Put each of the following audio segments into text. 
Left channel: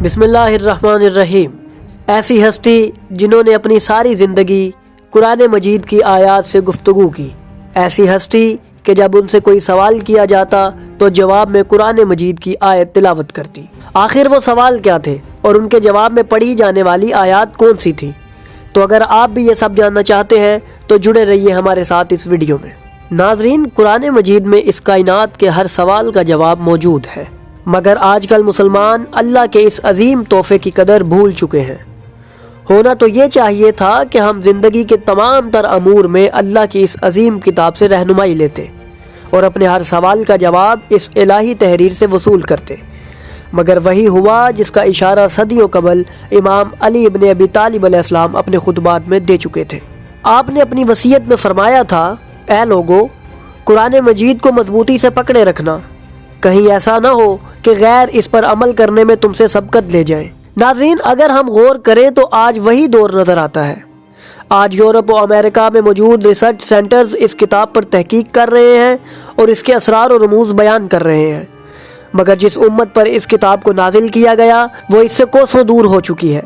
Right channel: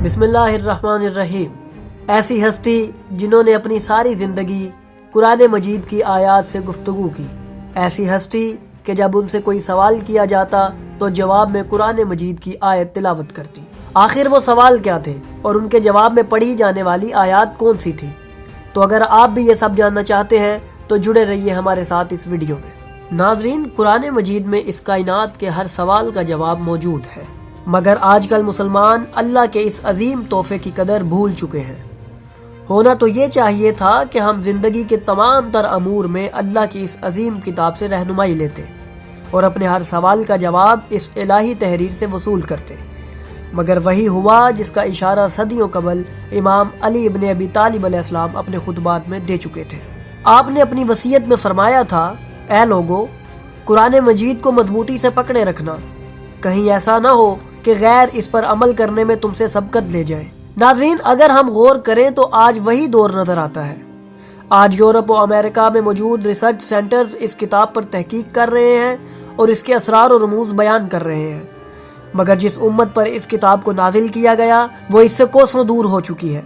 بسم اللہ الرحمن الرحیم۔ ایسی ہستی جنہوں نے اپنی ساری زندگی قرآن مجید کی آیات سے گفتگو کی، ایسی ہستی کہ جب ان سے کوئی سوال کیا جاتا تو جواب میں قرآن مجید کی آیت تلاوت کرتی۔ آخر وہ سوال کیا تھے اور ان کے جواب میں پڑھی جانے والی آیات کون سی تھی؟ تو اگر آپ بھی یہ سب جاننا چاہتے ہیں تو جڑے رہیے ہمارے ساتھ اس ویڈیو میں۔ ناظرین، قرآن مجید میں اس کائنات کے ہر سوال کا جواب موجود ہے، مگر آج کل مسلمان اللہ کے اس عظیم تحفے کی قدر بھول چکے ہیں۔ ہونا تو یہ چاہیے تھا کہ ہم زندگی کے تمام تر امور میں اللہ کی اس عظیم کتاب سے رہنمائی لیتے اور اپنے ہر سوال کا جواب اس الہی تحریر سے وصول کرتے، مگر وہی ہوا جس کا اشارہ صدیوں قبل امام علی ابن ابی طالب علیہ السلام اپنے خطبات میں دے چکے تھے۔ آپ نے اپنی وصیت میں فرمایا تھا، اے لوگو، قرآن مجید کو مضبوطی سے پکڑے رکھنا، کہیں ایسا نہ ہو کہ غیر اس پر عمل کرنے میں تم سے سبقت لے جائیں۔ ناظرین، اگر ہم غور کریں تو آج وہی دور نظر آتا ہے۔ آج یورپ و امریکہ میں موجود ریسرچ سینٹرز اس کتاب پر تحقیق کر رہے ہیں اور اس کے اسرار و رموز بیان کر رہے ہیں، مگر جس امت پر اس کتاب کو نازل کیا گیا وہ اس سے کوسوں دور ہو چکی ہے۔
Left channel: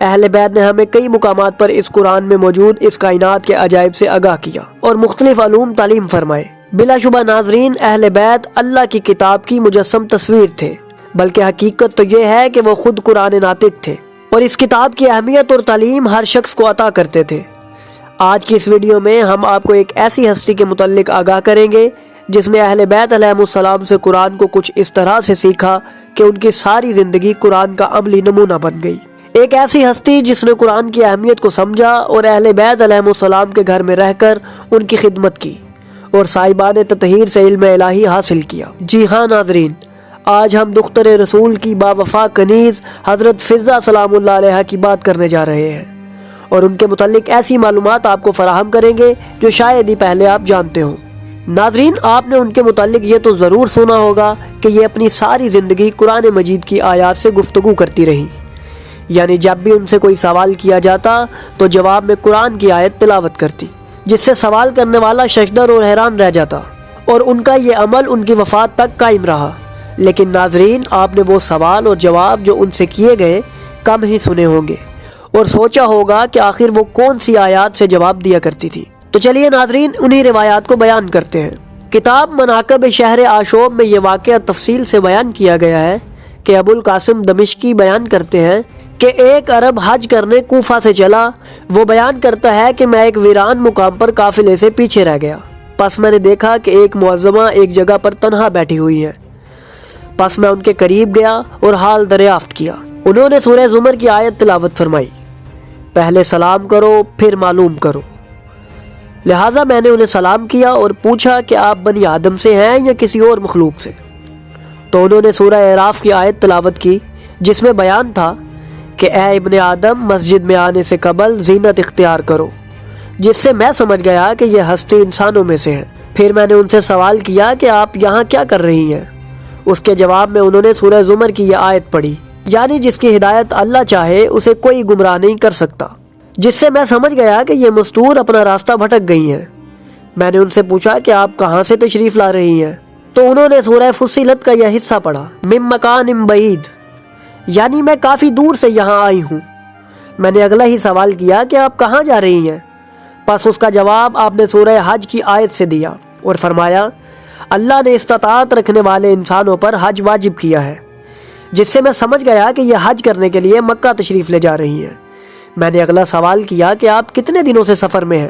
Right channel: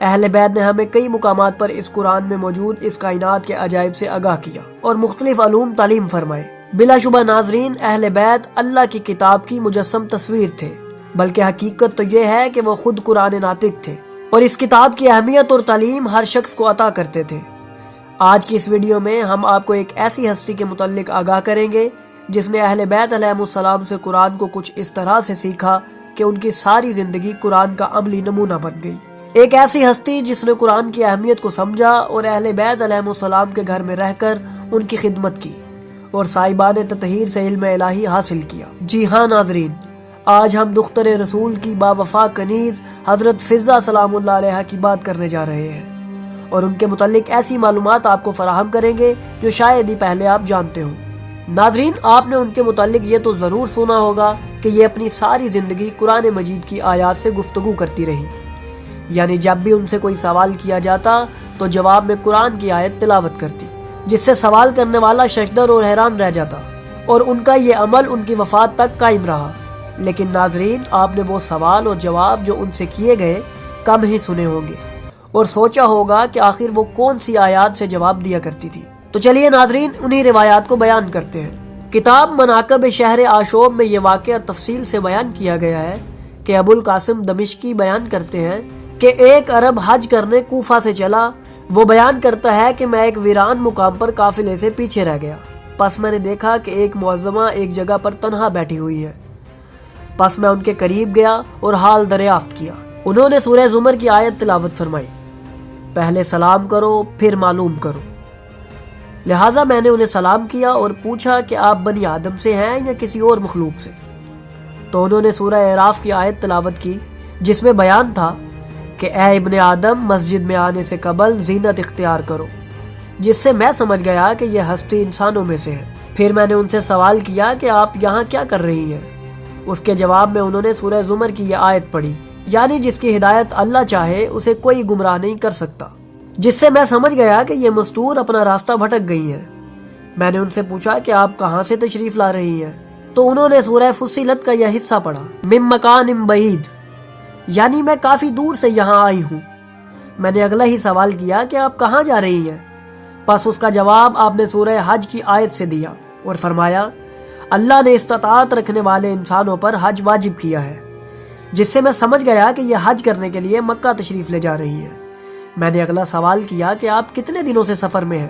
اہل بیت نے ہمیں کئی مقامات پر اس قرآن میں موجود اس کائنات کے عجائب سے آگاہ کیا اور مختلف علوم تعلیم فرمائے۔ بلا شبہ ناظرین، اہل بیت اللہ کی کتاب کی مجسم تصویر تھے، بلکہ حقیقت تو یہ ہے کہ وہ خود قرآن ناطق تھے اور اس کتاب کی اہمیت اور تعلیم ہر شخص کو عطا کرتے تھے۔ آج کی اس ویڈیو میں ہم آپ کو ایک ایسی ہستی کے متعلق آگاہ کریں گے جس نے اہل بیت علیہ السلام سے قرآن کو کچھ اس طرح سے سیکھا کہ ان کی ساری زندگی قرآن کا عملی نمونہ بن گئی۔ ایک ایسی ہستی جس نے قرآن کی اہمیت کو سمجھا اور اہل بیت علیہ السلام کے گھر میں رہ کر ان کی خدمت کی اور صاحبان تطہیر سے علم الہی حاصل کیا۔ جی ہاں ناظرین، آج ہم دختر رسول کی باوفا کنیز حضرت فضہ سلام اللہ علیہ کی بات کرنے جا رہے ہیں اور ان کے متعلق ایسی معلومات آپ کو فراہم کریں گے جو شاید ہی پہلے آپ جانتے ہوں۔ ناظرین، آپ نے ان کے متعلق یہ تو ضرور سنا ہوگا کہ یہ اپنی ساری زندگی قرآن مجید کی آیات سے گفتگو کرتی رہیں، یعنی جب بھی ان سے کوئی سوال کیا جاتا تو جواب میں قرآن کی آیت تلاوت کرتی، جس سے سوال کرنے والا ششدر اور حیران رہ جاتا، اور ان کا یہ عمل ان کی وفات تک قائم رہا۔ لیکن ناظرین، آپ نے وہ سوال اور جواب جو ان سے کیے گئے کم ہی سنے ہوں گے اور سوچا ہوگا کہ آخر وہ کون سی آیات سے جواب دیا کرتی تھی۔ تو چلیے ناظرین، انہی روایات کو بیان کرتے ہیں۔ کتاب مناقب شہر آشوب میں یہ واقعہ تفصیل سے بیان کیا گیا ہے کہ ابو القاسم دمشقی بیان کرتے ہیں کہ ایک عرب حج کرنے کوفہ سے چلا۔ وہ بیان کرتا ہے کہ میں ایک ویران مقام پر قافلے سے پیچھے رہ گیا، پس میں نے دیکھا کہ ایک معظمہ ایک جگہ پر تنہا بیٹھی ہوئی ہے، پس میں ان کے قریب گیا اور حال دریافت کیا۔ انہوں نے سورہ زمر کی آیت تلاوت فرمائی، پہلے سلام کرو پھر معلوم کرو۔ لہٰذا میں نے انہیں سلام کیا اور پوچھا کہ آپ بنی آدم سے ہیں یا کسی اور مخلوق سے؟ تو انہوں نے سورہ اعراف کی آیت تلاوت کی جس میں بیان تھا کہ اے ابن آدم، مسجد میں آنے سے قبل زینت اختیار کرو، جس سے میں سمجھ گیا کہ یہ ہستی انسانوں میں سے ہے۔ پھر میں نے ان سے سوال کیا کہ آپ یہاں کیا کر رہی ہیں؟ اس کے جواب میں انہوں نے سورہ زمر کی یہ آیت پڑھی، یعنی جس کی ہدایت اللہ چاہے اسے کوئی گمراہ نہیں کر سکتا، جس سے میں سمجھ گیا کہ یہ مستور اپنا راستہ بھٹک گئی ہیں۔ میں نے ان سے پوچھا کہ آپ کہاں سے تشریف لا رہی ہیں؟ تو انہوں نے سورہ فصلت کا یہ حصہ پڑھا، من مکان بعید، یعنی میں کافی دور سے یہاں آئی ہوں۔ میں نے اگلا ہی سوال کیا کہ آپ کہاں جا رہی ہیں؟ پس اس کا جواب آپ نے سورہ حج کی آیت سے دیا اور فرمایا، اللہ نے استطاعت رکھنے والے انسانوں پر حج واجب کیا ہے، جس سے میں سمجھ گیا کہ یہ حج کرنے کے لیے مکہ تشریف لے جا رہی ہیں۔ میں نے اگلا سوال کیا کہ آپ کتنے دنوں سے سفر میں ہیں؟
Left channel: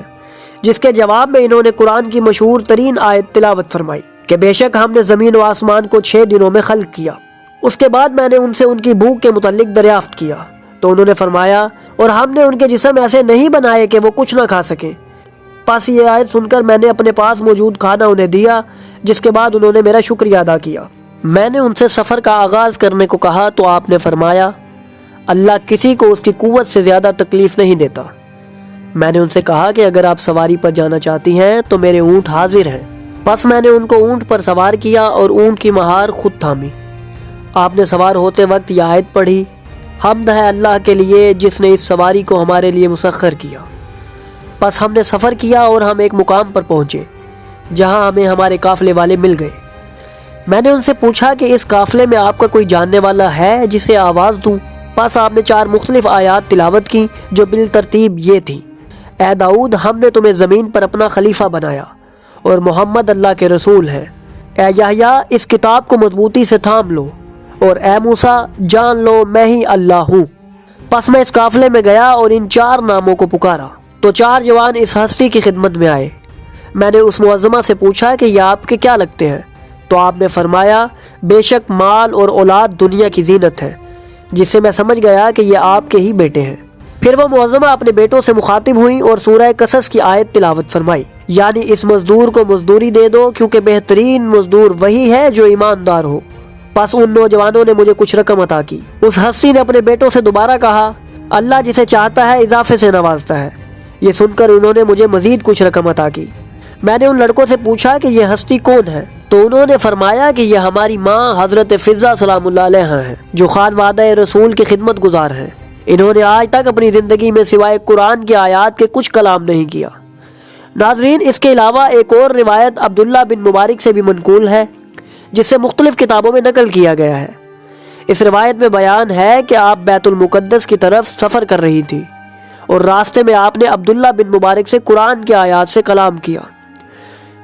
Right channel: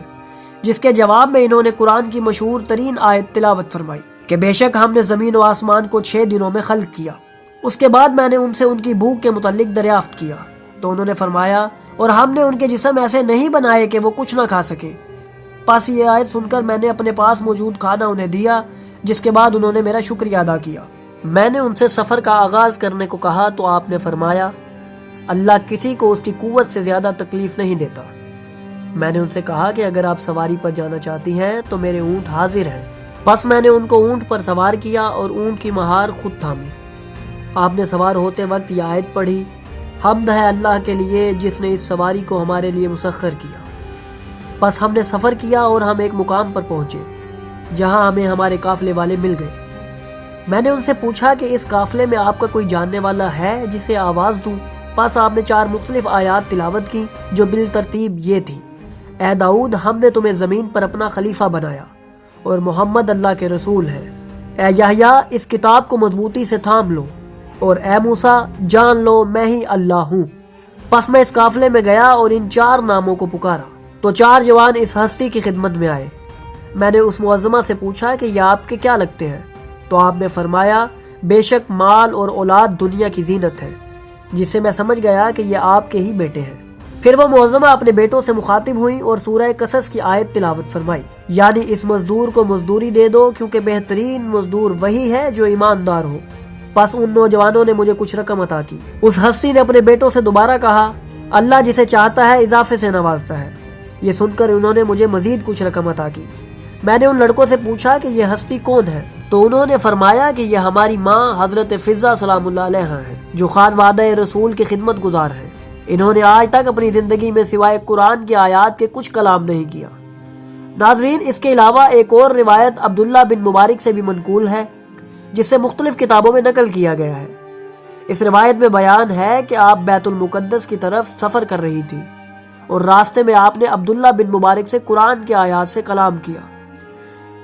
جس کے جواب میں انہوں نے قرآن کی مشہور ترین آیت تلاوت فرمائی کہ بے شک ہم نے زمین و آسمان کو 6 دنوں میں خلق کیا۔ اس کے بعد میں نے ان سے ان کی بھوک کے متعلق دریافت کیا تو انہوں نے فرمایا، اور ہم نے ان کے جسم ایسے نہیں بنائے کہ وہ کچھ نہ کھا سکے۔ پس یہ آیت سن کر میں نے اپنے پاس موجود کھانا انہیں دیا، جس کے بعد انہوں نے میرا شکریہ ادا کیا۔ میں نے ان سے سفر کا آغاز کرنے کو کہا تو آپ نے فرمایا، اللہ کسی کو اس کی قوت سے زیادہ تکلیف نہیں دیتا۔ میں نے ان سے کہا کہ اگر آپ سواری پر جانا چاہتی ہیں تو میرے اونٹ حاضر ہیں۔ پس میں نے ان کو اونٹ پر سوار کیا اور اونٹ کی مہار خود تھامی۔ آپ نے سوار ہوتے وقت یہ آیت پڑھی، حمد ہے اللہ کے لیے جس نے اس سواری کو ہمارے لیے مسخر کیا۔ پس ہم نے سفر کیا اور ہم ایک مقام پر پہنچے جہاں ہمیں ہمارے قافلے والے مل گئے۔ میں نے ان سے پوچھا کہ اس قافلے میں آپ کا کوئی جاننے والا ہے جسے آواز دوں؟ پس آپ نے 4 مختلف آیات تلاوت کی جو بالترتیب یہ تھیں: اے داؤد، ہم نے تمہیں زمین پر اپنا خلیفہ بنایا اور محمد اللہ کے رسول ہیں۔ اے یحییٰ، اس کتاب کو مضبوطی سے تھام لو، اور اے موسیٰ، جان لو میں ہی اللہ ہوں۔ پس میں اس قافلے میں گیا اور ان 4 ناموں کو پکارا تو 4 جوان اس ہستی کی خدمت میں آئے۔ میں نے اس معظمہ سے پوچھا کہ یہ آپ کے کیا لگتے ہیں؟ تو آپ نے فرمایا، بے شک مال اور اولاد دنیا کی زینت ہے، جس سے میں سمجھ گیا کہ یہ آپ کے ہی بیٹے ہیں۔ پھر وہ معظمہ اپنے بیٹوں سے مخاطب ہوئی اور سورہ قصص کی آیت تلاوت فرمائی، یعنی اس مزدور کو مزدوری دے دو کیونکہ بہترین مزدور وہی ہے جو ایماندار ہو۔ پس ان نوجوانوں نے مجھے کچھ رقم عطا کی۔ اس ہستی نے اپنے بیٹوں سے دوبارہ کہا، اللہ جسے چاہتا ہے اضافے سے نوازتا ہے۔ یہ سن کر انہوں نے مجھے مزید کچھ رقم عطا کی۔ میں نے ان لڑکوں سے پوچھا کہ یہ ہستی کون ہے؟ تو انہوں نے فرمایا کہ یہ ہماری ماں حضرت فضہ سلام اللہ علیہا ہیں، جو خانوادہ رسول کی خدمت گزار ہیں۔ انہوں نے آج تک اپنی زندگی میں سوائے قرآن کی آیات کے کچھ کلام نہیں کیا۔ ناظرین، اس کے علاوہ ایک اور روایت عبداللہ بن مبارک سے بھی منقول ہے، جس سے مختلف کتابوں میں نقل کیا گیا ہے۔ اس روایت میں بیان ہے کہ آپ بیت المقدس کی طرف سفر کر رہی تھی اور راستے میں آپ نے عبداللہ بن مبارک سے قرآن کی آیات سے کلام کیا۔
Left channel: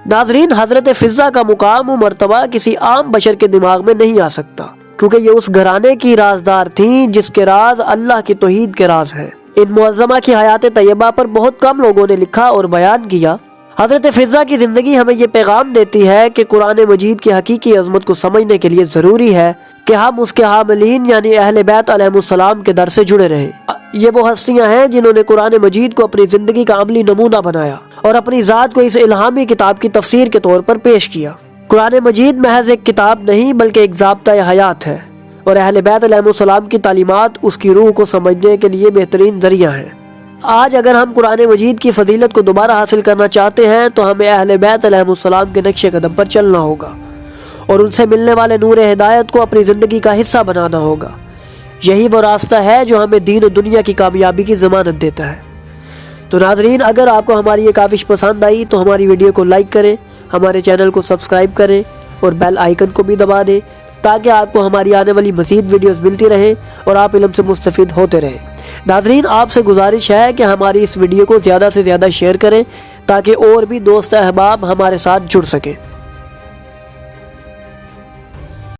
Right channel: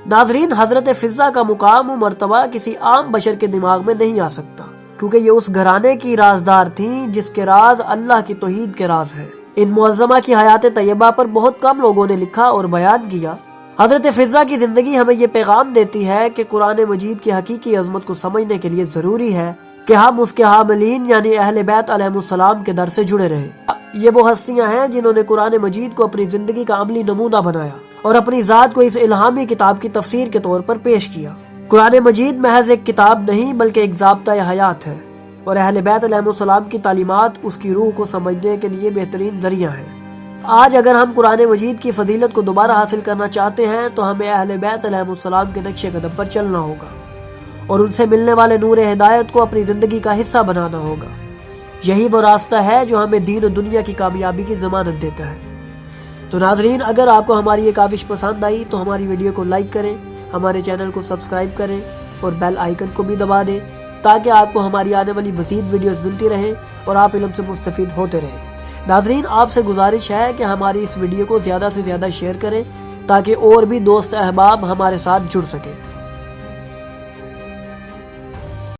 ناظرین، حضرت فضہ کا مقام و مرتبہ کسی عام بشر کے دماغ میں نہیں آ سکتا، کیونکہ یہ اس گھرانے کی رازدار تھیں جس کے راز اللہ کی توحید کے راز ہیں۔ ان معظمہ کی حیات طیبہ پر بہت کم لوگوں نے لکھا اور بیان کیا۔ حضرت فضہ کی زندگی ہمیں یہ پیغام دیتی ہے کہ قرآن مجید کی حقیقی عظمت کو سمجھنے کے لیے ضروری ہے کہ ہم اس کے حاملین یعنی اہل بیت علیہ السلام کے در سے جڑے رہیں۔ یہ وہ ہستیاں ہیں جنہوں نے قرآن مجید کو اپنی زندگی کا عملی نمونہ بنایا اور اپنی ذات کو اس الہامی کتاب کی تفسیر کے طور پر پیش کیا۔ قرآن مجید محض ایک کتاب نہیں بلکہ ایک ضابطہ حیات ہے، اور اہل بیت علیہ السلام کی تعلیمات اس کی روح کو سمجھنے کے لیے بہترین ذریعہ ہیں۔ آج اگر ہم قرآن مجید کی فضیلت کو دوبارہ حاصل کرنا چاہتے ہیں تو ہمیں اہل بیت علیہ السلام کے نقش قدم پر چلنا ہوگا اور ان سے ملنے والے نور ہدایت کو اپنی زندگی کا حصہ بنانا ہوگا۔ یہی وہ راستہ ہے جو ہمیں دین و دنیا کی کامیابی کی ضمانت دیتا ہے۔ تو ناظرین، اگر آپ کو ہماری یہ کاوش پسند آئی تو ہماری ویڈیو کو لائک کریں، ہمارے چینل کو سبسکرائب کریں اور بیل آئیکن کو بھی دبا دیں تاکہ آپ کو ہماری آنے والی مزید ویڈیوز ملتی رہیں اور آپ علم سے مستفید ہوتے رہیں۔ ناظرین، آپ سے گزارش ہے کہ ہماری اس ویڈیو کو زیادہ سے زیادہ شیئر کریں تاکہ اور بھی دوست احباب ہمارے ساتھ جڑ سکیں۔